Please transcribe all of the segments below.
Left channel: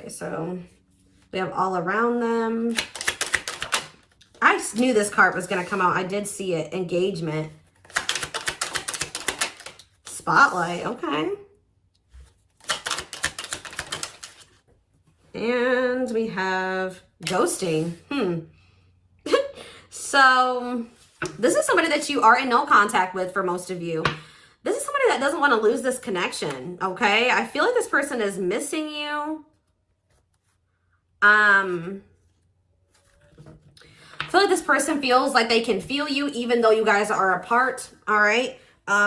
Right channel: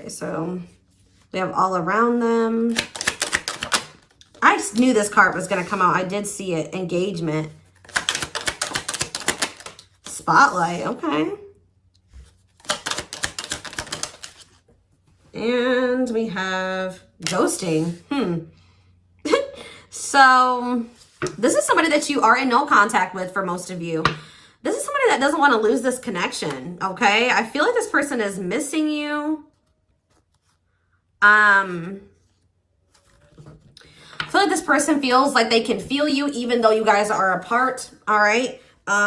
Okay, so we have all around them. I just knew this card was going to come out. I did see it. Engagement. Spotlight. Okay. And we have ghosting. So this is somebody that you are in no contact with for most of you. This is somebody that doesn't want to lose this connection, okay? I feel like this person is missing you. I feel like this person feels like they can feel you even though you guys are apart, all right?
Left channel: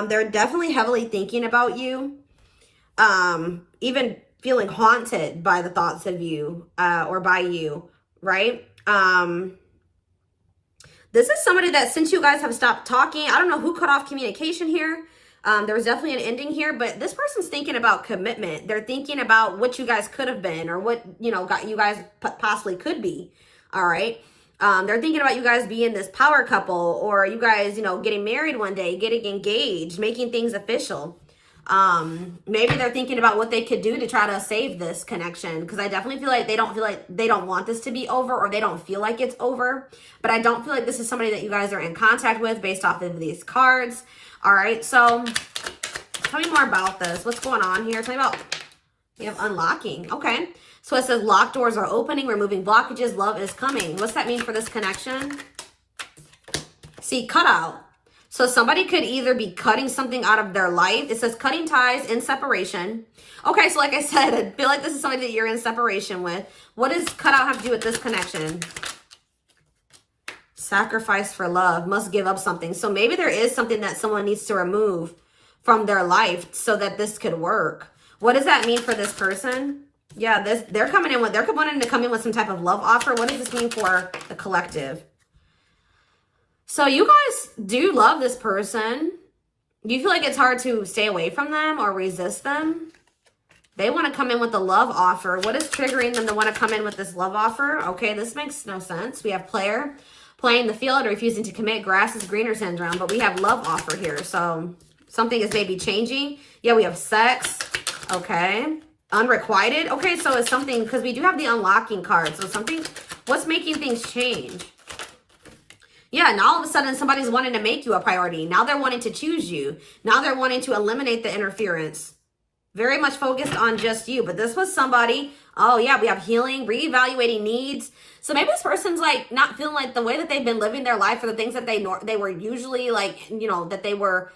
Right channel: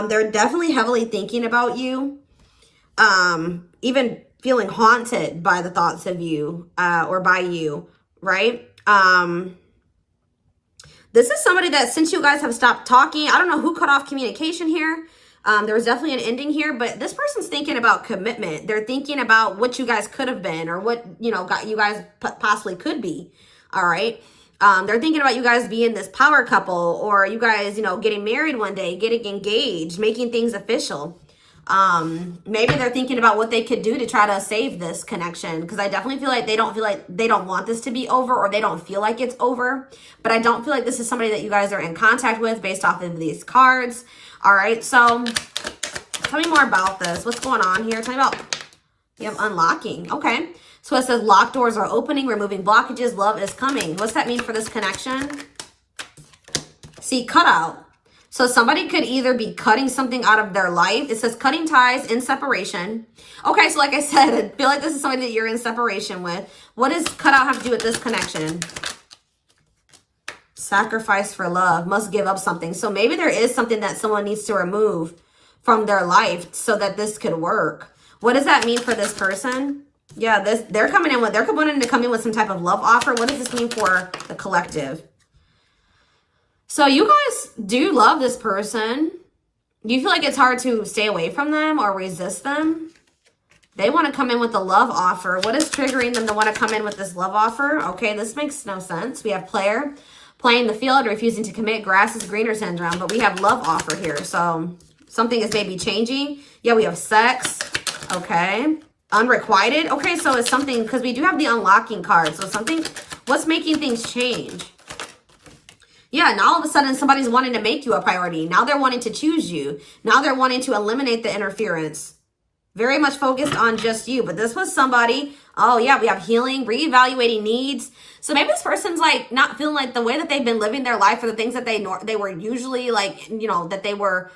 They're definitely heavily thinking about you. Even feeling haunted by the thoughts of you or by you, right? This is somebody that since you guys have stopped talking, I don't know who cut off communication here. There was definitely an ending here, but this person's thinking about commitment. They're thinking about what you guys could have been or what, you know, you guys possibly could be. All right. They're thinking about you guys being this power couple or you guys, you know, getting married one day, getting engaged, making things official. Maybe they're thinking about what they could do to try to save this connection, because I definitely feel like they don't want this to be over, or they don't feel like it's over. But I don't feel like this is somebody that you guys are in contact with based off of these cards. All right, so tell me more about this. What's going on here? Tell me about, we have unlocking. Okay, so it says locked doors are opening, removing blockages, love is coming. What's that mean for this connection? See, cutout. So somebody could either be cutting something out of their life. It says cutting ties in separation. Okay, so like I said, I feel like this is somebody that you're in separation with. What does cutout have to do with this connection? Sacrifice for love, must give up something. So maybe there is something that someone needs to remove from their life so that this could work. What does that mean for this person? Yeah, they're coming in with, they're wanting to come in with some type of love offer. What does this mean for the collective? So you guys do love this person. Do you feel like it's hard to stay away from them or resist them? They want to come in with a love offer. What is triggering them to want to come in with this love offer? Okay, this makes no sense. We have player playing the field, refusing to commit, grass is greener syndrome, but we have love offer here. So something is maybe changing. Yeah, we have sex. Okay. Unrequited. Okay, so it's something, because we do have the unlocking card. So something, what's making things change? Yeah, and all of a sudden somebody's wanting to make you a priority. Now they're wanting to choose you. Now they're wanting to eliminate the interference. Very much focused on just you. But this was somebody, oh yeah, we have healing, reevaluating needs. So maybe this person's like not feeling like the way that they've been living their life or the things that they were usually like, you know, that they were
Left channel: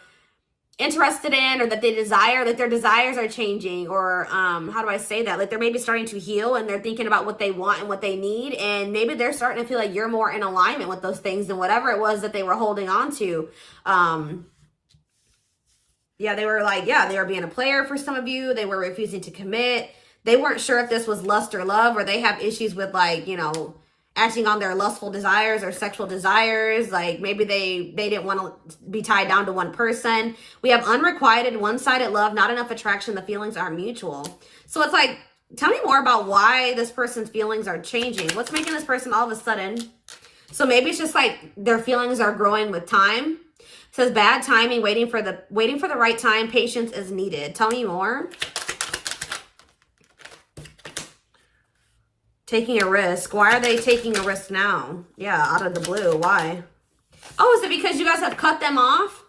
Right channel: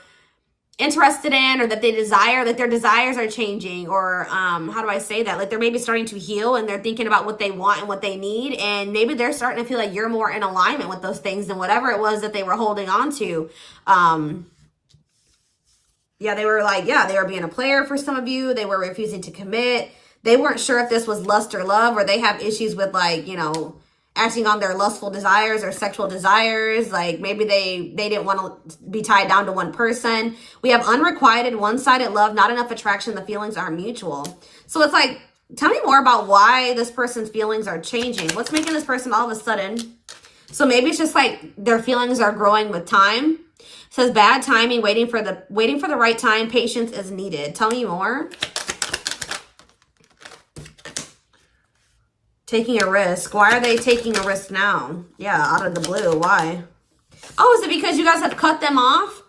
interested in or that they desire, that their desires are changing, or how do I say that? Like they're maybe starting to heal and they're thinking about what they want and what they need, and maybe they're starting to feel like you're more in alignment with those things than whatever it was that they were holding on to. Yeah, they were like, yeah, they were being a player for some of you. They were refusing to commit. They weren't sure if this was lust or love, or they have issues with like, you know, acting on their lustful desires or sexual desires. Like maybe they didn't want to be tied down to one person. We have unrequited, one-sided love, not enough attraction. The feelings aren't mutual. So it's like, tell me more about why this person's feelings are changing. What's making this person all of a sudden? So maybe it's just like their feelings are growing with time. It says bad timing, waiting for the right time, patience is needed. Tell me more. Taking a risk. Why are they taking a risk now? Yeah, out of the blue. Why? Oh, is it because you guys have cut them off?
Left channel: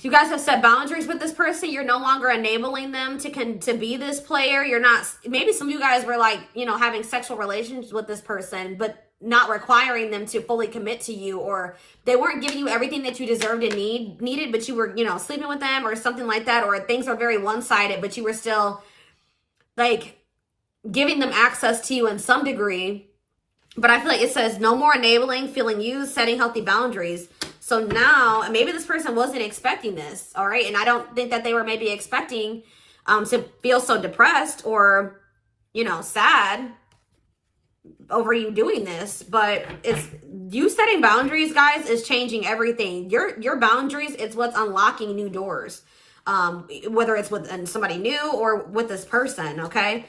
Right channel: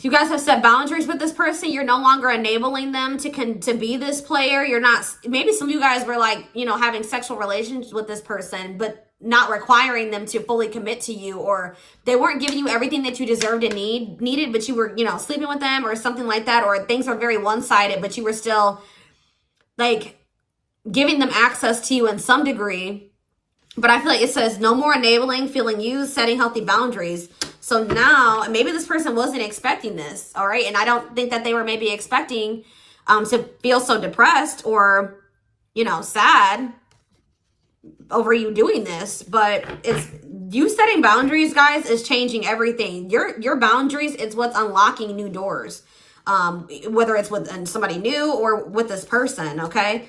You guys have set boundaries with this person. You're no longer enabling them to be this player. You're not, maybe some of you guys were like, you know, having sexual relations with this person, but not requiring them to fully commit to you, or they weren't giving you everything that you deserved and needed, but you were, you know, sleeping with them or something like that, or things were very one-sided, but you were still like giving them access to you in some degree. But I feel like it says no more enabling, feeling used, setting healthy boundaries. So now, and maybe this person wasn't expecting this, all right? And I don't think that they were maybe expecting to feel so depressed or, you know, sad over you doing this. But it's you setting boundaries, guys, is changing everything. Your boundaries, it's what's unlocking new doors. Whether it's with somebody new or with this person, okay?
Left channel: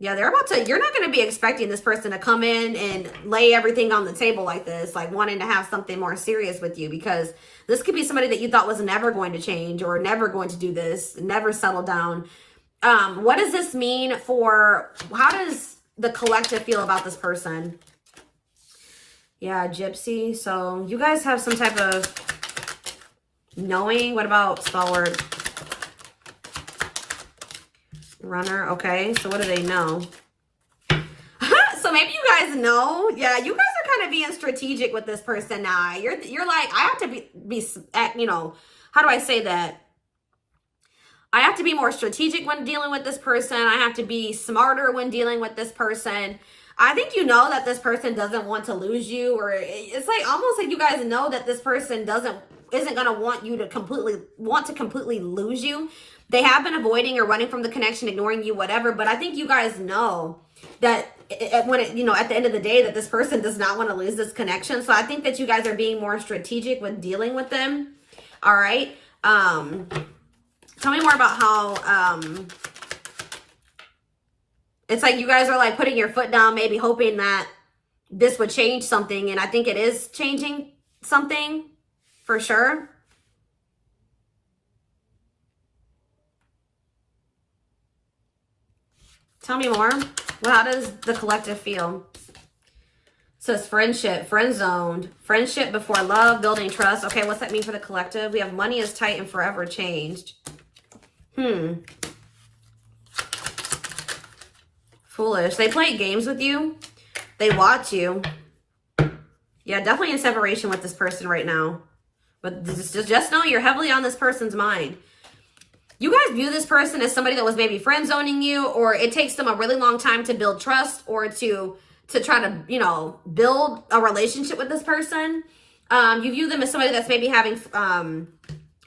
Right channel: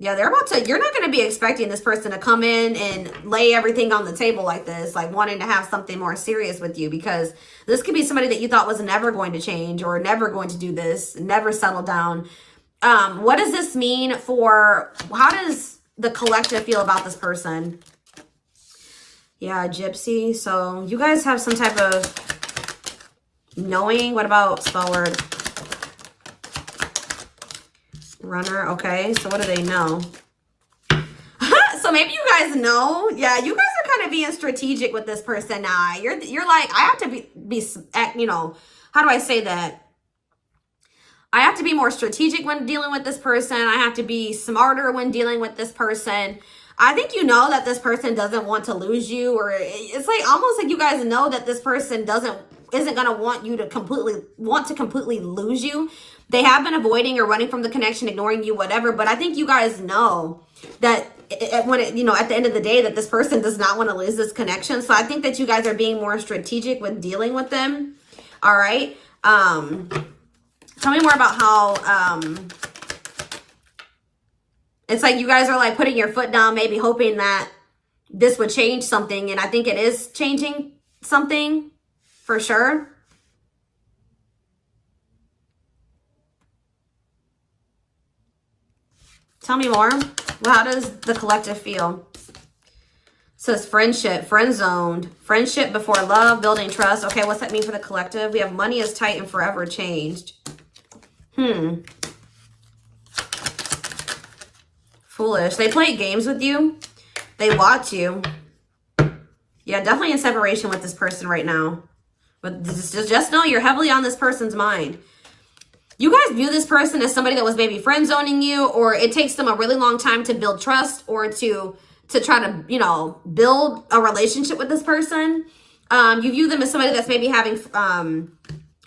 Yeah, you're not going to be expecting this person to come in and lay everything on the table like this, like wanting to have something more serious with you, because this could be somebody that you thought was never going to change or never going to do this, never settle down. What does this mean for, how does the collective feel about this person? Yeah, gypsy. So you guys have some type of knowing. What about spell word? Runner. Okay, so what do they know? So maybe you guys know. Yeah, you guys are kind of being strategic with this person now. You're like, I have to be, you know, how do I say that? I have to be more strategic when dealing with this person. I have to be smarter when dealing with this person. I think you know that this person doesn't want to lose you, or it's like almost like you guys know that this person isn't going to want you to completely lose you. They have been avoiding or running from the connection, ignoring you, whatever. But I think you guys know that you know, at the end of the day, that this person does not want to lose this connection. So I think that you guys are being more strategic when dealing with them. All right. Tell me more about how, it's like you guys are like putting your foot down, maybe hoping that this would change something. And I think it is changing something for sure. Tell me more. Well, how does the collective feel? It says friendship, friend zoned, friendship before love, building trust. Okay, what's that mean for the collective? We have money is tight and forever changed. Foolish. They play games with you. They watch you. Yeah, definitely in separation with this person right now. But just know you're heavily on this person's mind. You guys view this person as somebody that was maybe friend zoning you, or it takes them a really long time to build trust or to try to, you know, build a relationship with this person. You view them as somebody that's maybe having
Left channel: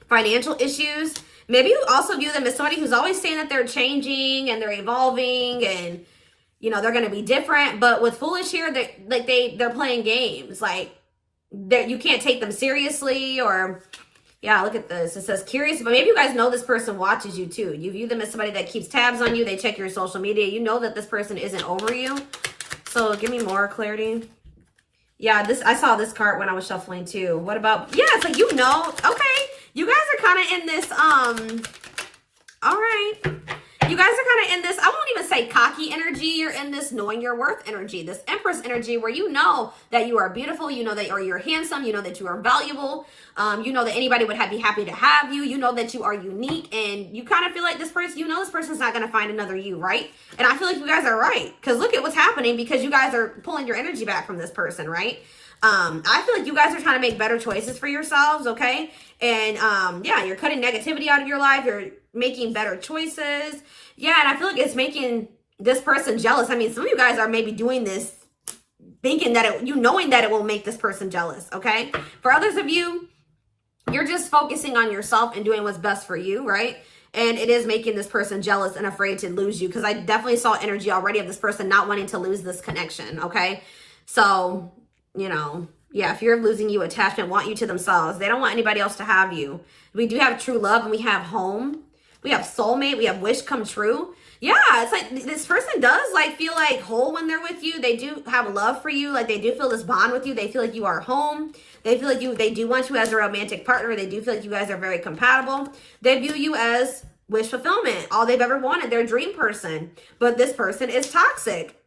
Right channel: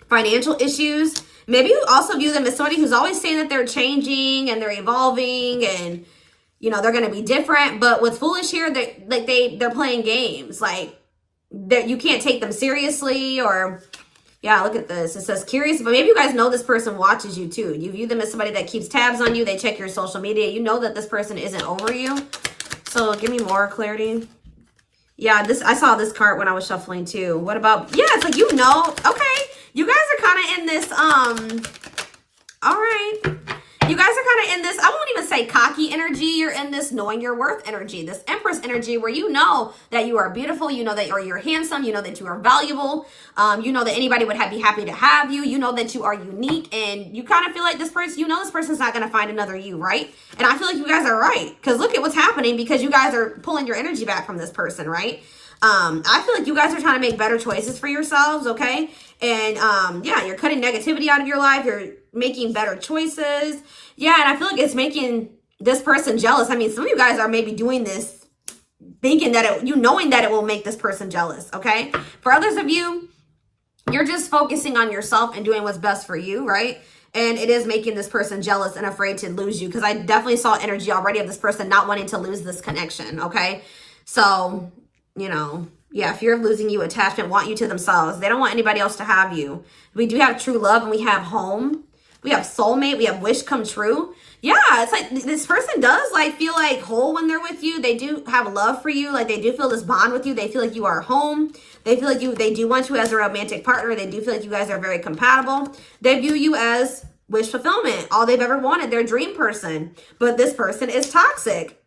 financial issues. Maybe you also view them as somebody who's always saying that they're changing and they're evolving and, you know, they're going to be different. But with Foolish here, they're playing games. Like, that you can't take them seriously, or, yeah, look at this. It says curious, but maybe you guys know this person watches you too. You view them as somebody that keeps tabs on you. They check your social media. You know that this person isn't over you. So give me more clarity. Yeah, I saw this card when I was shuffling too. What about, yeah, so you know, okay. You guys are kind of in this, all right. You guys are kind of in this, I won't even say cocky energy. You're in this knowing your worth energy, this Empress energy, where you know that you are beautiful. You know that you're handsome. You know that you are valuable. You know that anybody would be happy to have you. You know that you are unique, and you kind of feel like this person, you know, this person's not going to find another you, right? And I feel like you guys are right, because look at what's happening, because you guys are pulling your energy back from this person, right? I feel like you guys are trying to make better choices for yourselves, okay? And, yeah, you're cutting negativity out of your life. You're making better choices. Yeah, and I feel like it's making this person jealous. I mean, some of you guys are maybe doing this thinking that knowing that it will make this person jealous, okay? For others of you, you're just focusing on yourself and doing what's best for you, right? And it is making this person jealous and afraid to lose you, because I definitely saw energy already of this person not wanting to lose this connection, okay? So, you know, yeah, fear of losing you, attachment, want you to themselves. They don't want anybody else to have you. We do have true love, and we have home. We have soulmate. We have wish come true. Yeah, it's like this person does like feel like whole when they're with you. They do have love for you. Like, they do feel this bond with you. They feel like you are home. They feel like they do want you as a romantic partner. They do feel like you guys are very compatible. They view you as wish fulfillment, all they've ever wanted, their dream person. But this person is toxic.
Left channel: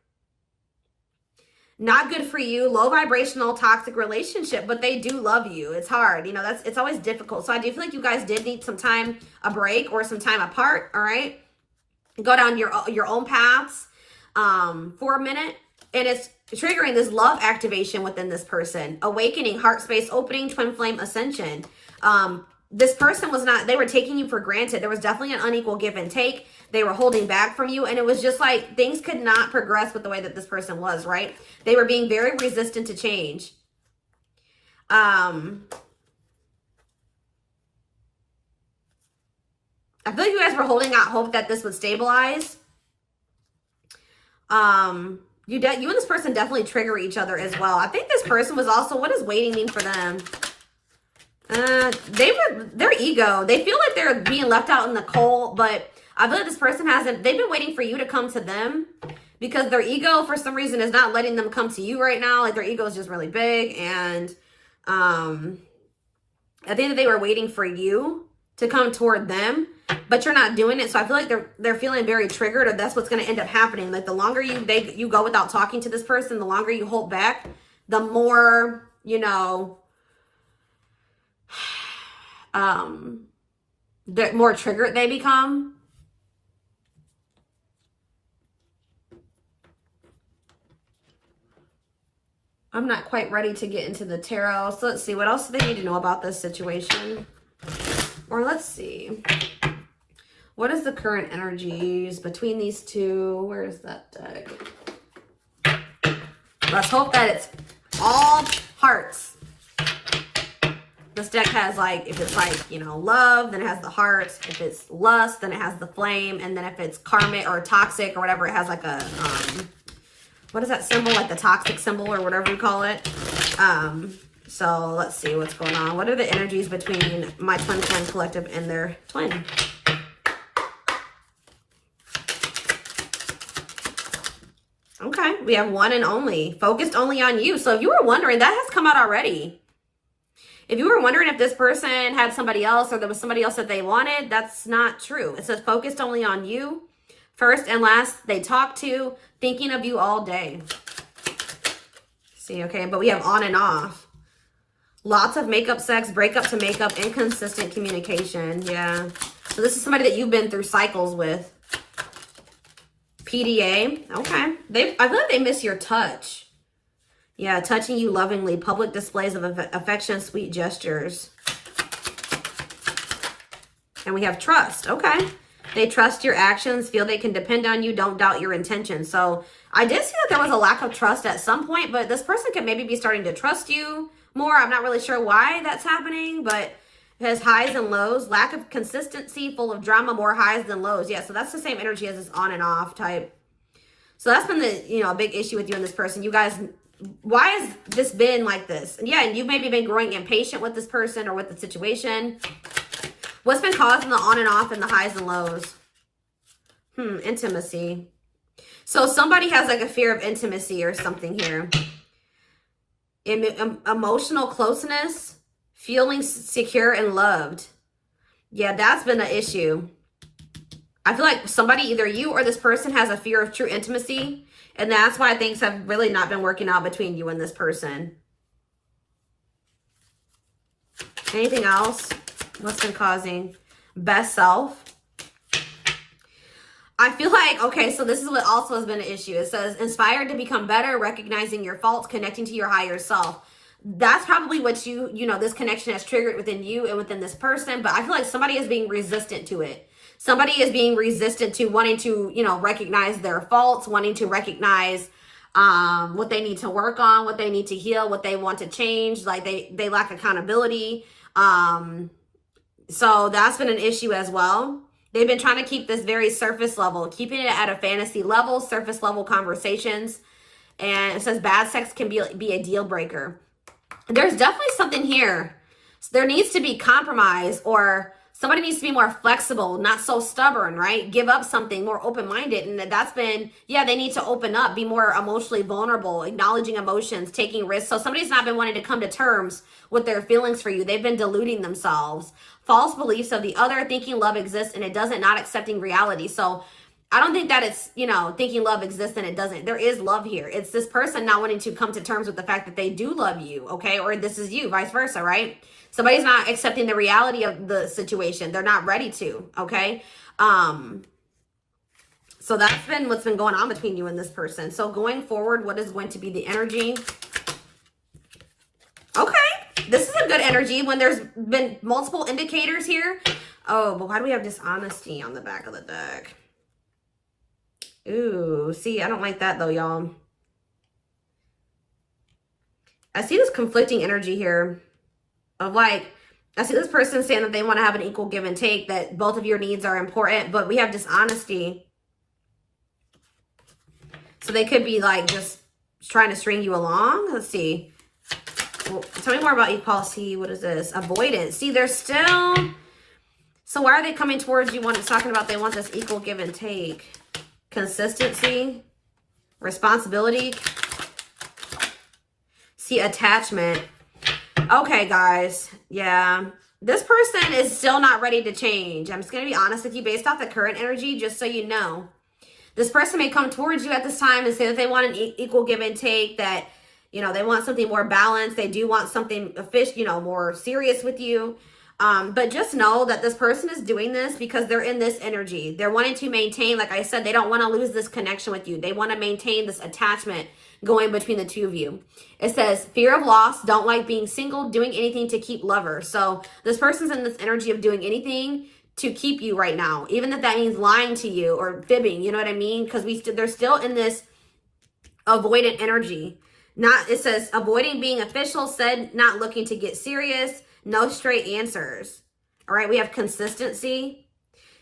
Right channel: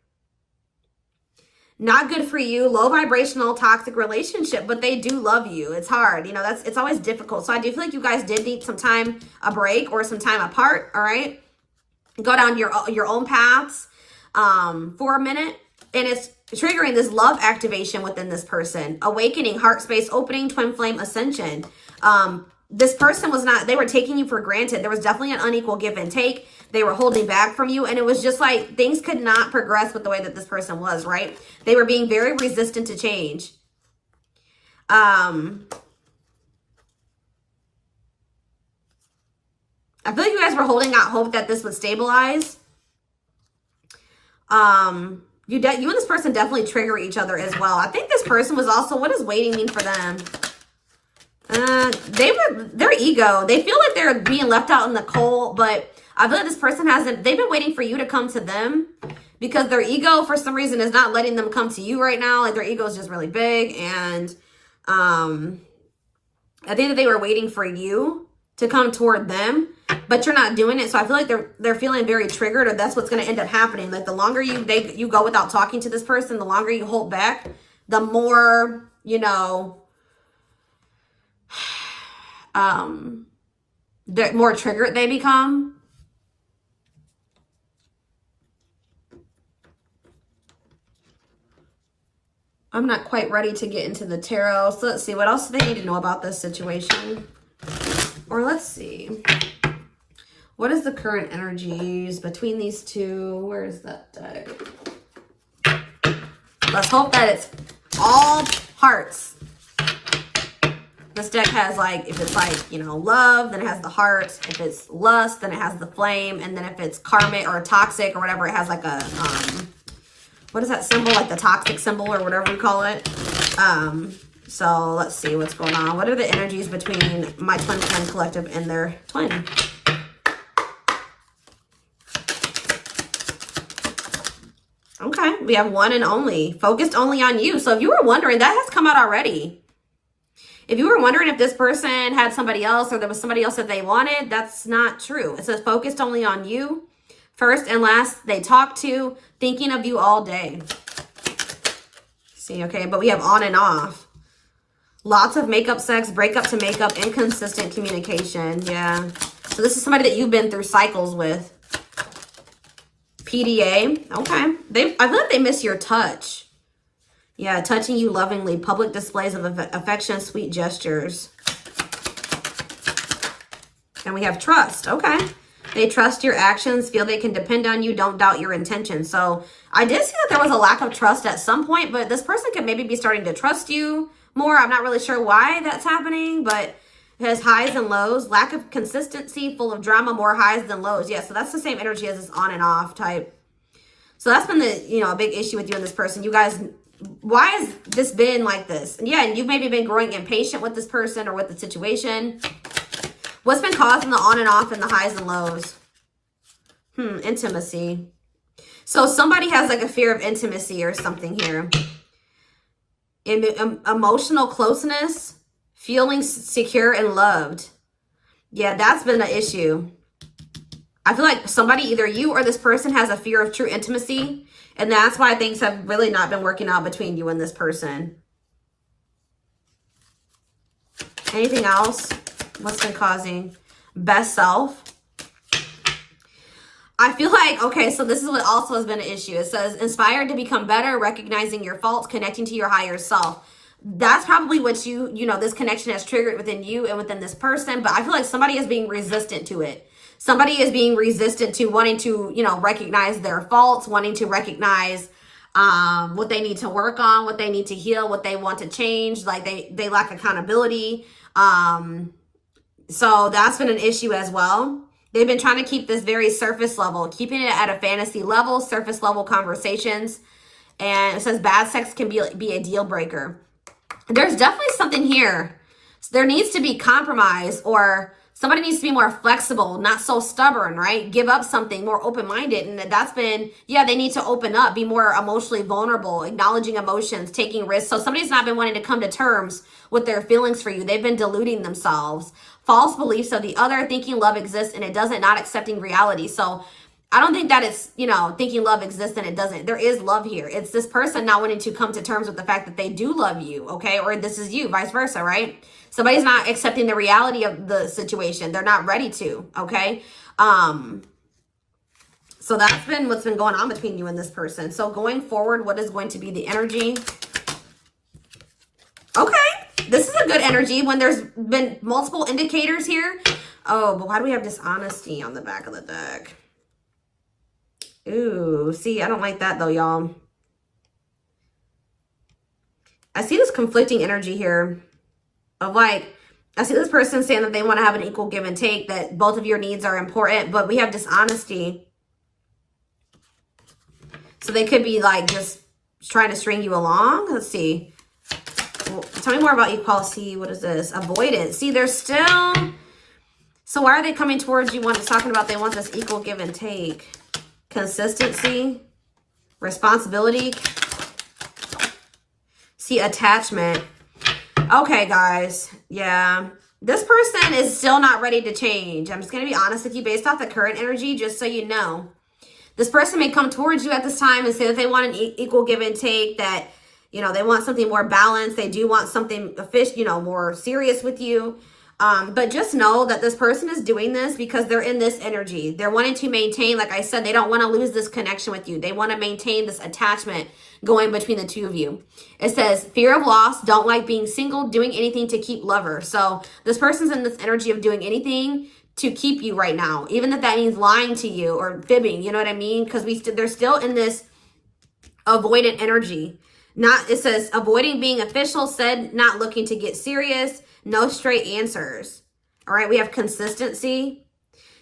Not good for you, low vibrational, toxic relationship, but they do love you. It's hard, you know, it's always difficult. So I do feel like you guys did need some time, a break, or some time apart, all right? Go down your own paths for a minute, and it's triggering this love activation within this person. Awakening, heart space opening, twin flame ascension. This person they were taking you for granted. There was definitely an unequal give and take. They were holding back from you, and it was just like things could not progress with the way that this person was, right? They were being very resistant to change. I feel like you guys were holding out hope that this would stabilize. You and this person definitely trigger each other as well. I think this person was also, what does waiting mean for them? Their ego. They feel like they're being left out in the cold, but I feel like this person they've been waiting for you to come to them, because their ego, for some reason, is not letting them come to you right now. Like, their ego is just really big. And I think that they were waiting for you to come toward them. but you're not doing it. So I feel like they're feeling very triggered, or that's what's going to end up happening. Like the longer you go without talking to this person, the longer you hold back, the more, you know, the more triggered they become. I'm not quite ready to get into the tarot. So let's see. What else do they need to know about this situation? Or let's see. What is the current energies between these two? Where's that deck? Let's hope that it's all hearts. This deck has, like, if it's like, you know, love, then it has the heart. If it's lust, then it has the flame. And then if it's karmic or toxic or whatever, it has like a, what is that symbol? Like the toxic symbol or whatever you call it. So let's see what's going on. What are the energies between my twin flame collective and their twin? Okay, we have one and only. Focused only on you. So if you were wondering, that has come out already. If you were wondering if this person had somebody else or there was somebody else that they wanted, that's not true. It says focused only on you. First and last, they talk to, thinking of you all day. See, okay, but we have on and off. Lots of makeup sex, breakup to makeup, inconsistent communication. Yeah. So this is somebody that you've been through cycles with. PDA. Okay. I feel like they miss your touch. Yeah, touching you lovingly. Public displays of affection, sweet gestures. And we have trust. Okay. They trust your actions, feel they can depend on you, don't doubt your intentions. So I did see that there was a lack of trust at some point, but this person could maybe be starting to trust you more. I'm not really sure why that's happening, but it has highs and lows. Lack of consistency, full of drama, more highs than lows. Yeah, so that's the same energy as this on and off type. So that's been the, you know, a big issue with you and this person. You guys, why has this been like this? And yeah, and you've maybe been growing impatient with this person or with the situation. What's been causing the on and off and the highs and lows? Intimacy. So somebody has like a fear of intimacy or something here. Emotional closeness, feeling secure and loved. Yeah, that's been an issue. I feel like somebody, either you or this person, has a fear of true intimacy. And that's why things have really not been working out between you and this person. Anything else? What's been causing? Best self. I feel like, okay, so this is what also has been an issue. It says, inspired to become better, recognizing your faults, connecting to your higher self. That's probably what you know, this connection has triggered within you and within this person. But I feel like somebody is being resistant to it. Somebody is being resistant to wanting to, you know, recognize their faults, wanting to recognize what they need to work on, what they need to heal, what they want to change. Like they lack accountability. So that's been an issue as well. They've been trying to keep this very surface level, keeping it at a fantasy level, surface level conversations. And it says bad sex can be a deal breaker. There's definitely something here. So there needs to be compromise, or somebody needs to be more flexible, not so stubborn, right? Give up something, more open-minded. And that's been, yeah, they need to open up, be more emotionally vulnerable, acknowledging emotions, taking risks. So somebody's not been wanting to come to terms with their feelings for you. They've been deluding themselves. False beliefs of the other, thinking love exists and it doesn't, not accepting reality. So I don't think that it's, you know, thinking love exists and it doesn't. There is love here. It's this person not wanting to come to terms with the fact that they do love you, okay? Or this is you, vice versa, right? Somebody's not accepting the reality of the situation. They're not ready to, okay? So that's been what's been going on between you and this person. So going forward, what is going to be the energy? Okay, this is a good energy when there's been multiple indicators here. Oh, but why do we have dishonesty on the back of the deck? Ooh, see, I don't like that though, y'all. I see this conflicting energy here of like, I see this person saying that they want to have an equal give and take, that both of your needs are important, but we have dishonesty. So they could be like just trying to string you along. Let's see. Well, tell me more about equality. What is this? Avoidance. See, they're still... So why are they coming towards you? It's talking about they want this equal give and take. Consistency. Responsibility. See, attachment. Okay, guys. Yeah. This person is still not ready to change. I'm just going to be honest with you based off the current energy, just so you know. This person may come towards you at this time and say that they want an equal give and take, that, you know, they want something more balanced. They do want something official, you know, more serious with you. But just know that this person is doing this because they're in this energy. They're wanting to maintain, like I said, they don't want to lose this connection with you. They want to maintain this attachment going between the two of you. It says fear of loss, don't like being single, doing anything to keep lover. So this person's in this energy of doing anything to keep you right now, even if that means lying to you or fibbing, you know what I mean? Because they're still in this avoidant energy. It says avoiding being official, said not looking to get serious, no straight answers. All right, we have consistency.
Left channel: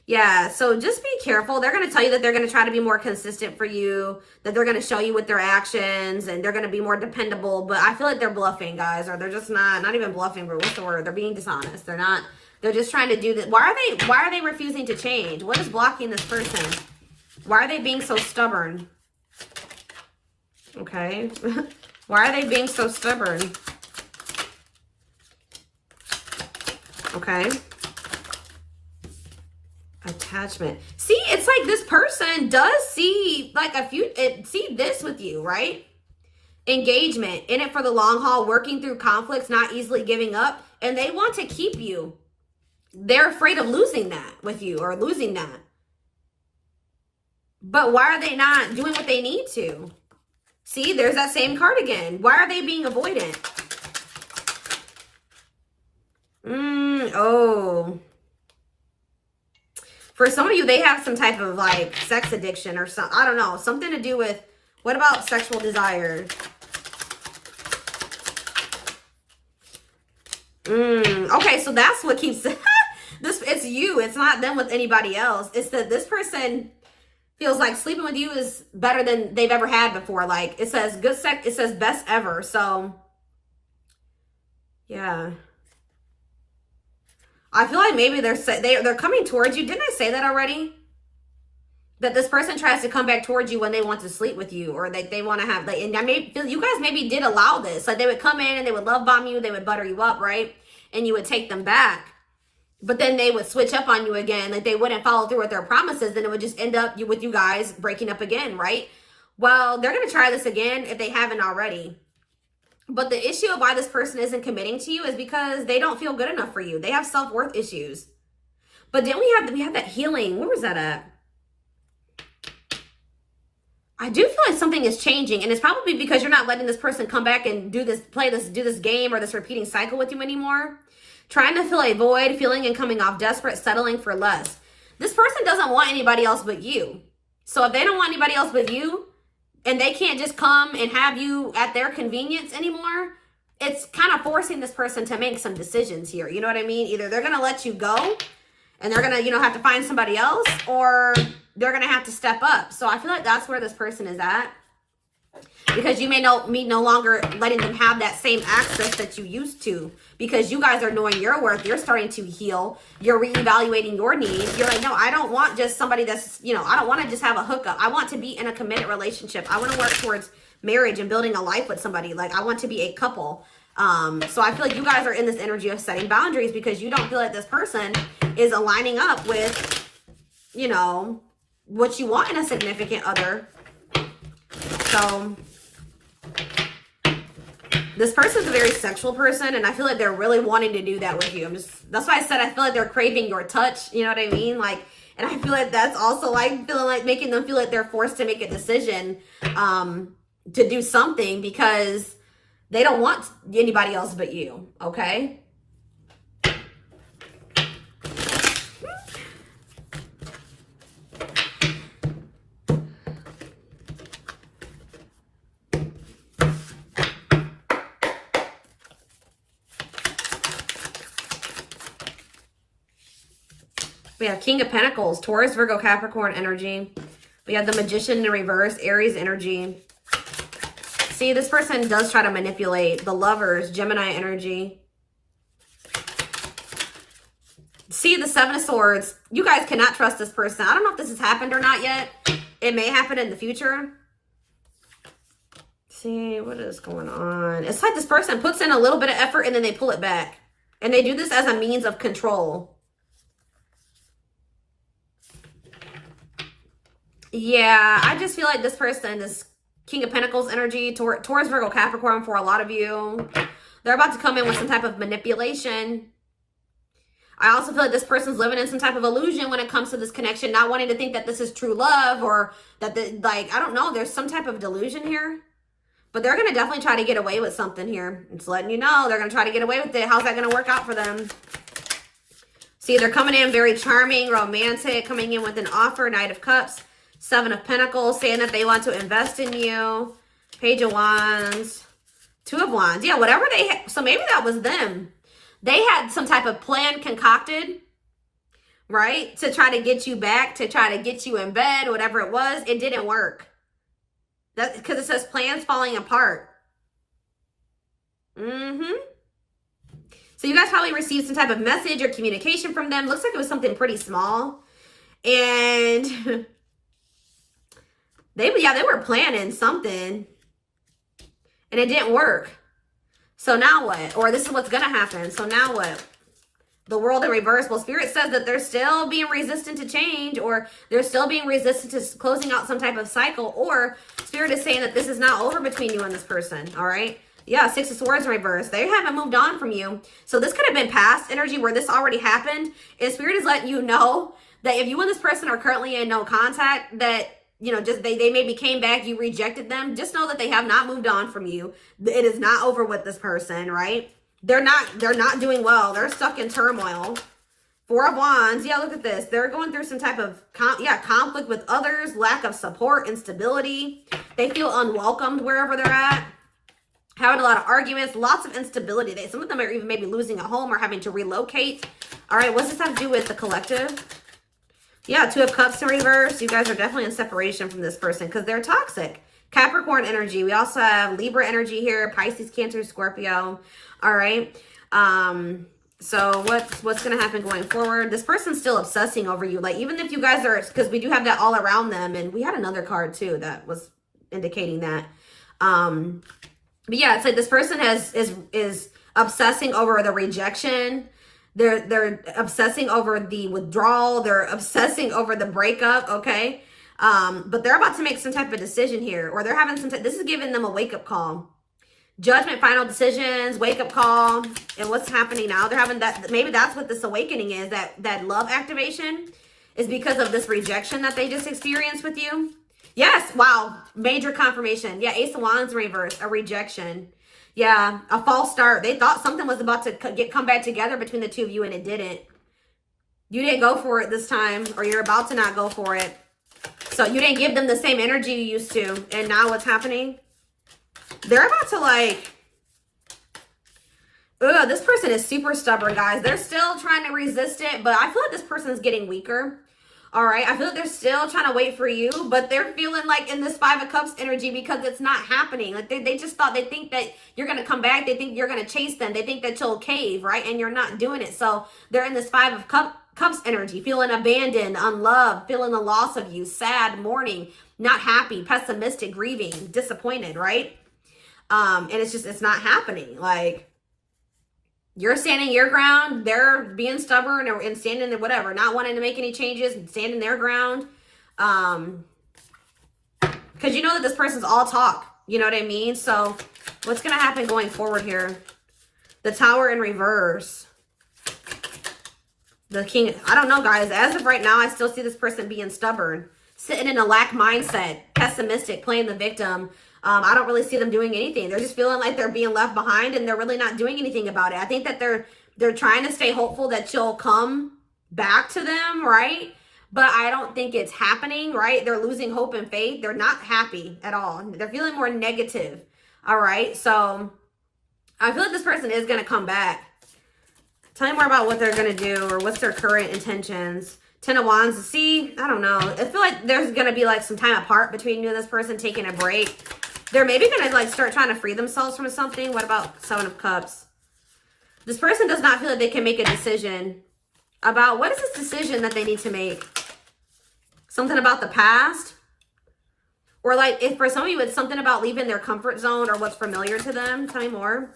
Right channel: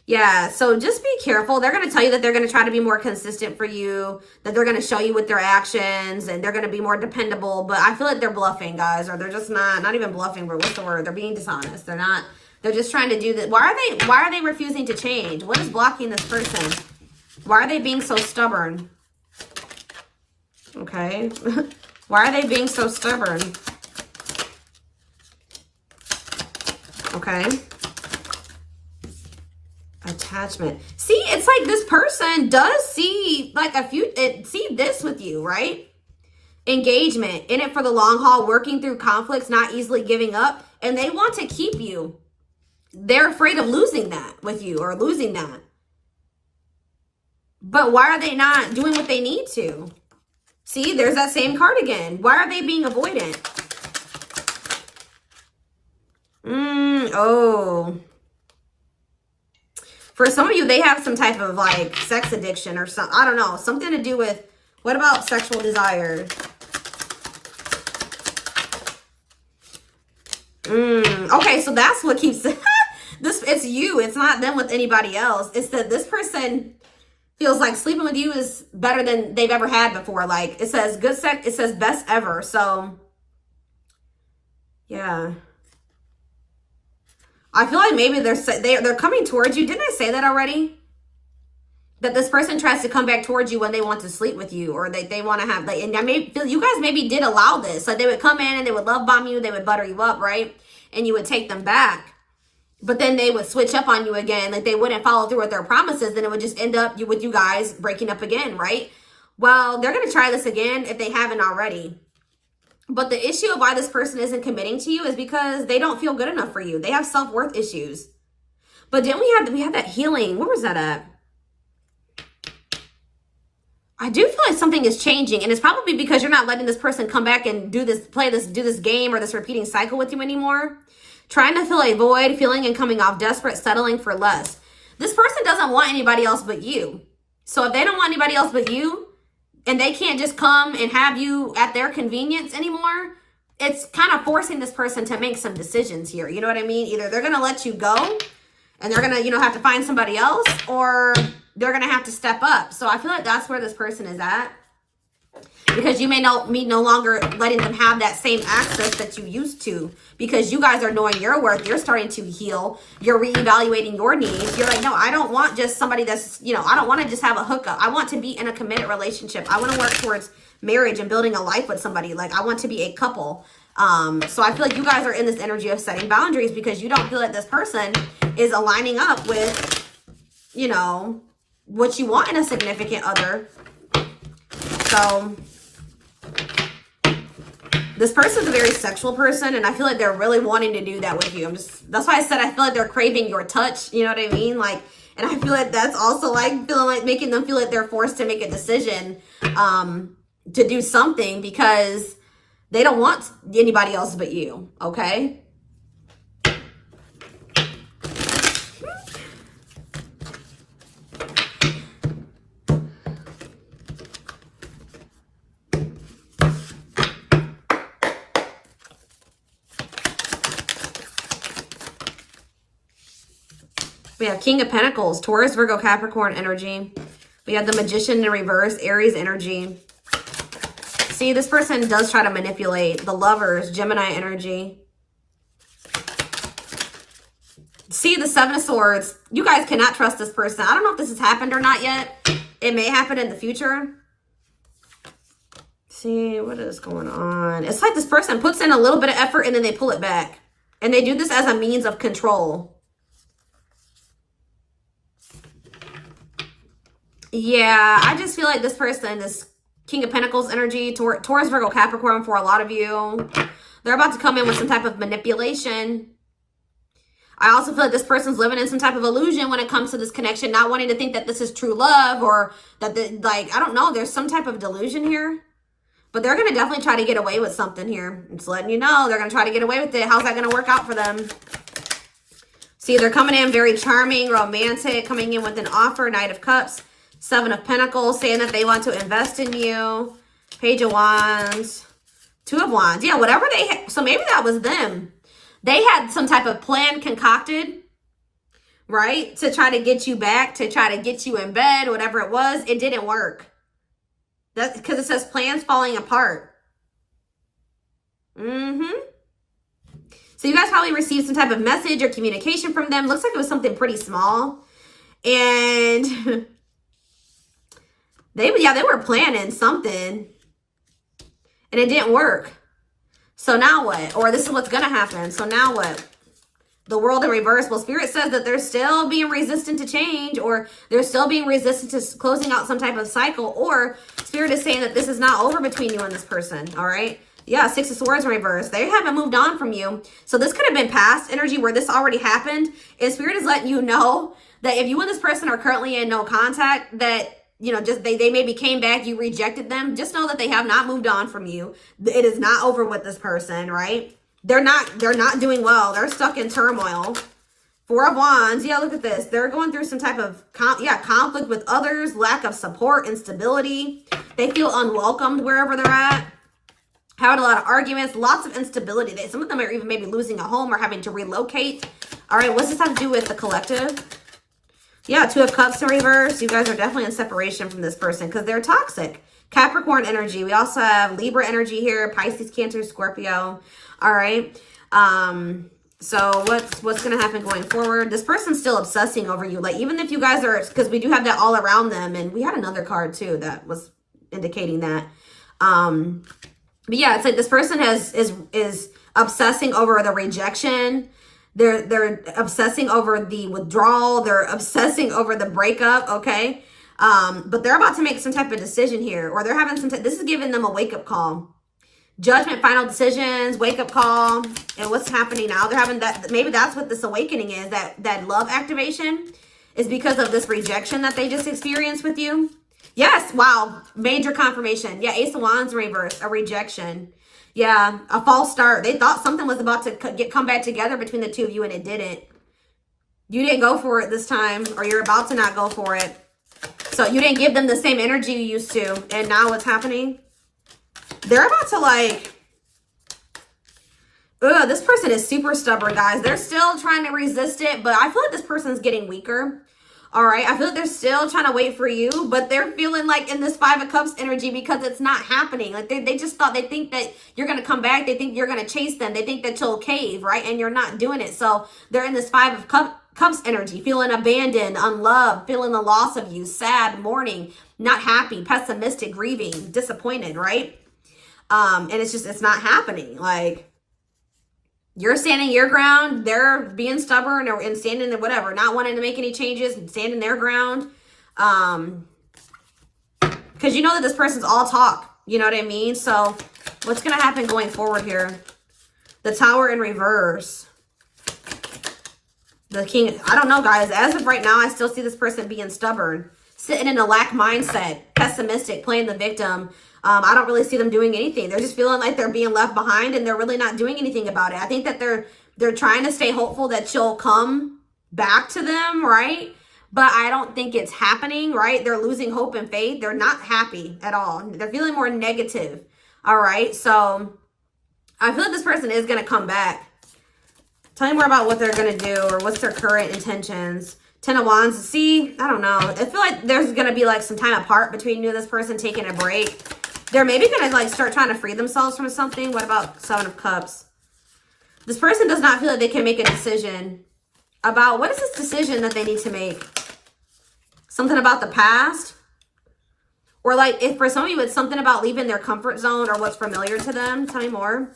Yeah, so just be careful. They're going to tell you that they're going to try to be more consistent for you, that they're going to show you with their actions, and they're going to be more dependable. But I feel like they're bluffing, guys, or they're just not even bluffing, but what's the word? They're being dishonest. They're just trying to do this. Why are they refusing to change? What is blocking this person? Why are they being so stubborn? Okay. Why are they being so stubborn? Okay. Attachment. See, it's like this person does see like see this with you, right? Engagement, in it for the long haul, working through conflicts, not easily giving up, and they want to keep you. They're afraid of losing that with you or losing that. But why are they not doing what they need to? See, there's that same card again. Why are they being avoidant? Oh. For some of you, they have some type of like sex addiction or something. I don't know. Something to do with, what about sexual desire? Okay, so that's what keeps it's you. It's not them with anybody else. It's that this person feels like sleeping with you is better than they've ever had before. Like it says good sex, it says best ever. So yeah. I feel like maybe they're coming towards you. Didn't I say that already? That this person tries to come back towards you when they want to sleep with you, or they want to have, like, and I may feel you guys maybe did allow this. So they would come in and they would love bomb you, they would butter you up, right? And you would take them back. But then they would switch up on you again. Like they wouldn't follow through with their promises. And it would just end up with you guys breaking up again, right? Well, they're going to try this again if they haven't already. But the issue of why this person isn't committing to you is because they don't feel good enough for you. They have self-worth issues. But then we have that healing. Where was that at? I do feel like something is changing. And it's probably because you're not letting this person come back and do this game or this repeating cycle with you anymore. Trying to fill a void, feeling and coming off desperate, settling for less. This person doesn't want anybody else but you. So if they don't want anybody else but you, and they can't just come and have you at their convenience anymore, it's kind of forcing this person to make some decisions here. You know what I mean? Either they're going to let you go and they're going to, have to find somebody else, or they're going to have to step up. So I feel like that's where this person is at. Because you may no longer letting them have that same access that you used to, because you guys are knowing your worth. You're starting to heal. You're reevaluating your needs. You're like, no, I don't want just somebody that's, I don't want to just have a hookup. I want to be in a committed relationship. I want to work towards marriage and building a life with somebody. Like I want to be a couple. So I feel like you guys are in this energy of setting boundaries because you don't feel like this person is aligning up with, what you want in a significant other. So this person's a very sexual person, and I feel like they're really wanting to do that with you. That's why I said I feel like they're craving your touch. You know what I mean? Like, and I feel like that's also like feeling like making them feel like they're forced to make a decision to do something because they don't want anybody else but you. Okay. We have King of Pentacles, Taurus, Virgo, Capricorn energy. We have the Magician in reverse, Aries energy. See, this person does try to manipulate. The Lovers, Gemini energy. See, the Seven of Swords. You guys cannot trust this person. I don't know if this has happened or not yet. It may happen in the future. See, what is going on? It's like this person puts in a little bit of effort and then they pull it back. And they do this as a means of control. Yeah, I just feel like this person, this King of Pentacles energy, Taurus, Virgo, Capricorn for a lot of you, they're about to come in with some type of manipulation. I also feel like this person's living in some type of illusion when it comes to this connection, not wanting to think that this is true love or that, I don't know, there's some type of delusion here. But they're going to definitely try to get away with something here. I'm just letting you know, they're going to try to get away with it. How's that going to work out for them? See, they're coming in very charming, romantic, coming in with an offer, Knight of Cups, Seven of Pentacles, saying that they want to invest in you, Page of Wands, Two of Wands. Yeah, whatever they had. So maybe that was them. They had some type of plan concocted, right? To try to get you back, to try to get you in bed, whatever it was. It didn't work. That's because it says plans falling apart. So you guys probably received some type of message or communication from them. Looks like it was something pretty small. And they were planning something. And it didn't work. So now what? Or this is what's going to happen. So now what? The world in reverse. Well, Spirit says that they're still being resistant to change, or they're still being resistant to closing out some type of cycle, or Spirit is saying that this is not over between you and this person. All right. Yeah. Six of Swords in reverse. They haven't moved on from you. So this could have been past energy where this already happened. And Spirit is letting you know that if you and this person are currently in no contact, that, you know, just they maybe came back, you rejected them. Just know that they have not moved on from you. It is not over with this person, right? They're not doing well. They're stuck in turmoil. Four of Wands. Yeah, look at this. They're going through some type of conflict with others, lack of support, instability. They feel unwelcomed wherever they're at. Having a lot of arguments, lots of instability. Some of them are even maybe losing a home or having to relocate. All right, what's this have to do with the collective? Yeah, Two of Cups in reverse. You guys are definitely in separation from this person because they're toxic. Capricorn energy. We also have Libra energy here. Pisces, Cancer, Scorpio. All right. So what's going to happen going forward? This person's still obsessing over you. Like, even if you guys are, because we do have that all around them. And we had another card too that was indicating that. But yeah, it's like this person is obsessing over the rejection. They're obsessing over the withdrawal. They're obsessing over the breakup. Okay. But they're about to make some type of decision here, or they're having this is giving them a wake-up call. Judgment, final decisions, wake-up call. And what's happening now? They're having that, maybe that's what this awakening is, that love activation is because of this rejection that they just experienced with you. Yes, wow, major confirmation. Yeah, Ace of Wands reverse, a rejection. Yeah, a false start. They thought something was about to come back together between the two of you, and it didn't. You didn't go for it this time, or you're about to not go for it. So you didn't give them the same energy you used to. And now what's happening? They're about to this person is super stubborn, guys. They're still trying to resist it, but I feel like this person is getting weaker. All right. I feel like they're still trying to wait for you, but they're feeling like in this Five of Cups energy because it's not happening. Like they just thought, they think that you're going to come back. They think you're going to chase them. They think that you'll cave, right? And you're not doing it. So they're in this Five of Cups energy, feeling abandoned, unloved, feeling the loss of you, sad, mourning, not happy, pessimistic, grieving, disappointed, right? And it's not happening. Like, you're standing your ground, they're being stubborn and standing there, whatever, not wanting to make any changes, standing their ground. Because you know that this person's all talk, you know what I mean? So what's going to happen going forward here? The Tower in reverse. The King, I don't know, guys. As of right now, I still see this person being stubborn, sitting in a lack mindset, pessimistic, playing the victim. I don't really see them doing anything. They're just feeling like they're being left behind, and they're really not doing anything about it. I think that they're trying to stay hopeful that you'll come back to them, right? But I don't think it's happening, right? They're losing hope and faith. They're not happy at all. They're feeling more negative, all right? So I feel like this person is going to come back. Tell me more about what they're going to do, or what's their current intentions. Ten of Wands. See, I don't know. I feel like there's going to be like some time apart between you and this person, taking a break. They're maybe going to like start trying to free themselves from something. What about Seven of Cups? This person does not feel like they can make a decision about, what is this decision that they need to make? Something about the past? Or like, if for some of you it's something about leaving their comfort zone or what's familiar to them. Tell me more.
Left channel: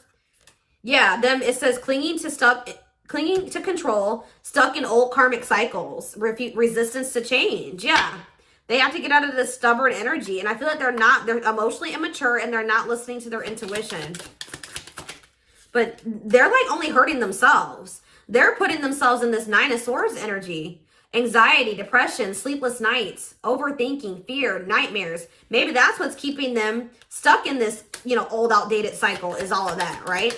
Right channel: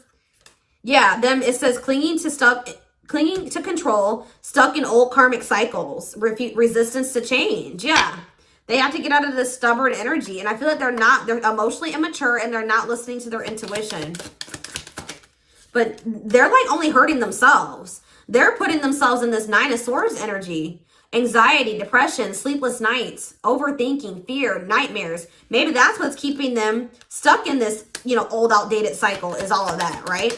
Yeah, them, it says clinging to control, stuck in old karmic cycles, resistance to change. Yeah. They have to get out of this stubborn energy. And I feel like they're emotionally immature and they're not listening to their intuition. But they're like only hurting themselves. They're putting themselves in this Nine of Swords energy. Anxiety, depression, sleepless nights, overthinking, fear, nightmares. Maybe that's what's keeping them stuck in this, you know, old outdated cycle is all of that, right?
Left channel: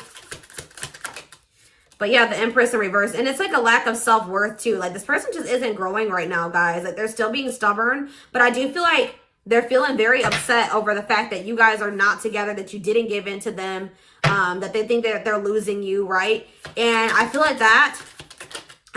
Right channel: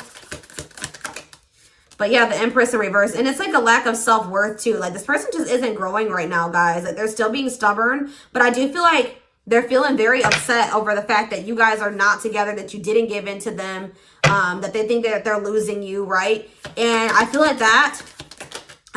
But yeah, the Empress in reverse. And it's like a lack of self-worth too. Like this person just isn't growing right now, guys. Like they're still being stubborn. But I do feel like they're feeling very upset over the fact that you guys are not together, that you didn't give in to them, that they think that they're losing you, right? And I feel like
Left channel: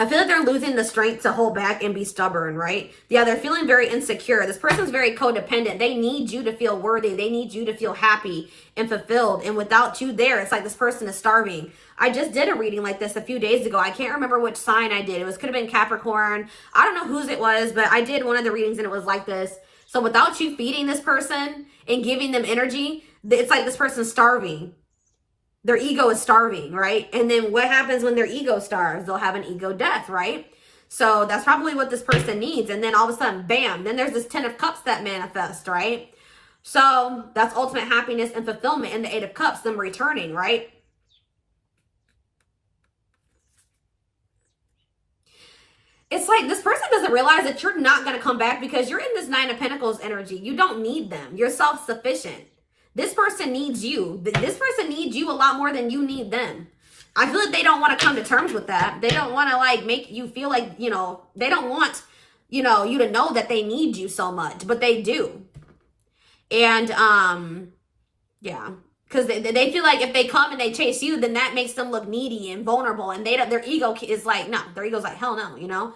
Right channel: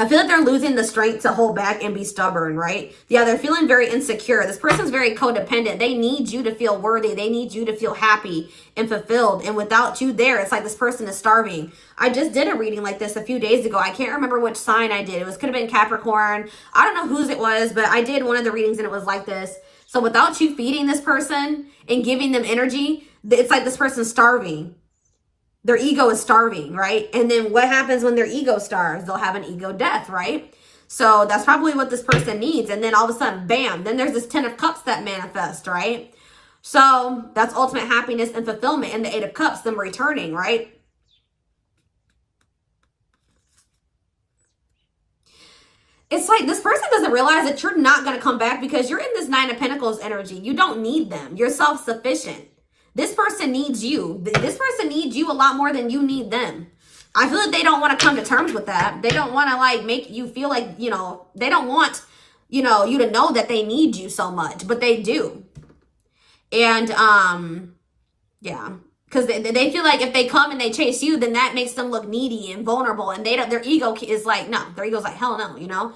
they're losing the strength to hold back and be stubborn, right? Yeah, they're feeling very insecure. This person's very codependent. They need you to feel worthy. They need you to feel happy and fulfilled. And without you there, it's like this person is starving. I just did a reading like this a few days ago. I can't remember which sign I did. Could have been Capricorn. I don't know whose it was, but I did one of the readings and it was like this. So without you feeding this person and giving them energy, it's like this person's starving. Their ego is starving, right? And then what happens when their ego starves? They'll have an ego death, right? So that's probably what this person needs. And then all of a sudden, bam, then there's this 10 of Cups that manifest, right? So that's ultimate happiness and fulfillment. And the 8 of Cups, them returning, right? It's like this person doesn't realize that you're not going to come back because you're in this 9 of Pentacles energy. You don't need them. You're self-sufficient. This person needs you. This person needs you a lot more than you need them. I feel like they don't want to come to terms with that. They don't want to like make you feel like, you know, they don't want, you know, you to know that they need you so much, but they do. And, yeah, because they feel like if they come and they chase you, then that makes them look needy and vulnerable. And their ego is like, no, their ego's like, hell no, you know?